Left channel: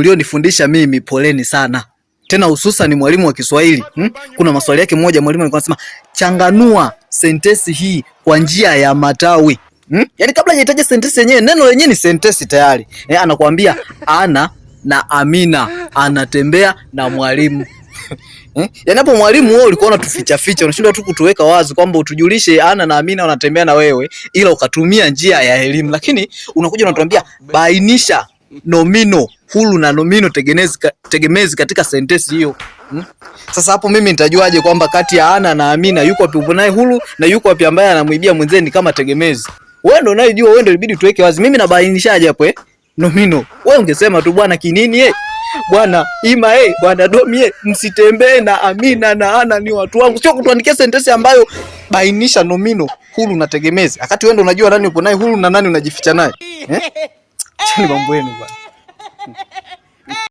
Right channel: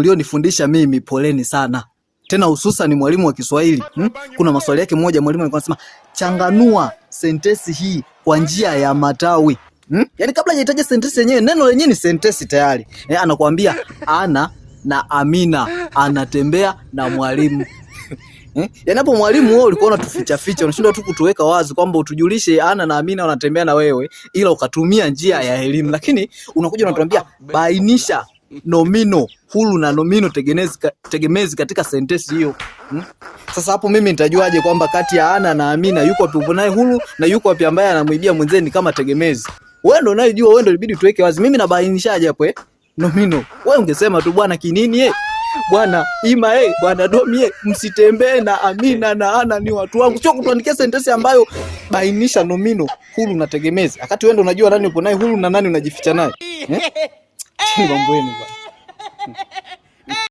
mlionifundisha mimi poleni sana. Tena hususan mwalimu wa Kiswahili. Kuna maswali yake moja mwalimu alikuwa anasema changanua sentensi hii kwa njia ya matawi. Yaani kabla hajataja sentensi yenyewe, neno lenyewe ni sentensi tayari. Anakuambia Ana na Amina anatembea na mwalimu. Yaani hapo mwalimu wewe ulikuwa unatuficha ficha, unashindwa tu kutuweka wazi kwamba utujulishe Ana na Amina wanatembea na wewe, ila ukatumia njia ya elimu. Lakini unakuja unatuambia bainisha nomino huru na nomino tegemezi katika sentensi hiyo. Sasa hapo mimi nitajuaje kwamba kati ya Ana na Amina yuko wapi upo naye huru na yuko wapi ambaye anamwibia mwenzeni kama tegemezi? Wewe ndio unayejua, wewe ndio ilibidi tuweke wazi. Mimi nabainishaje hapo nomino? Wewe ungesema tu bwana kinini bwana Ima bwana Domi msitembee na Amina na Ana ni watu wangu. Sio kutuandikia sentensi ambayo bainisha nomino huru na tegemezi. Wakati wewe ndio unajua nani upo naye huru na nani unajificha naye. Chini mambo yenu bwana.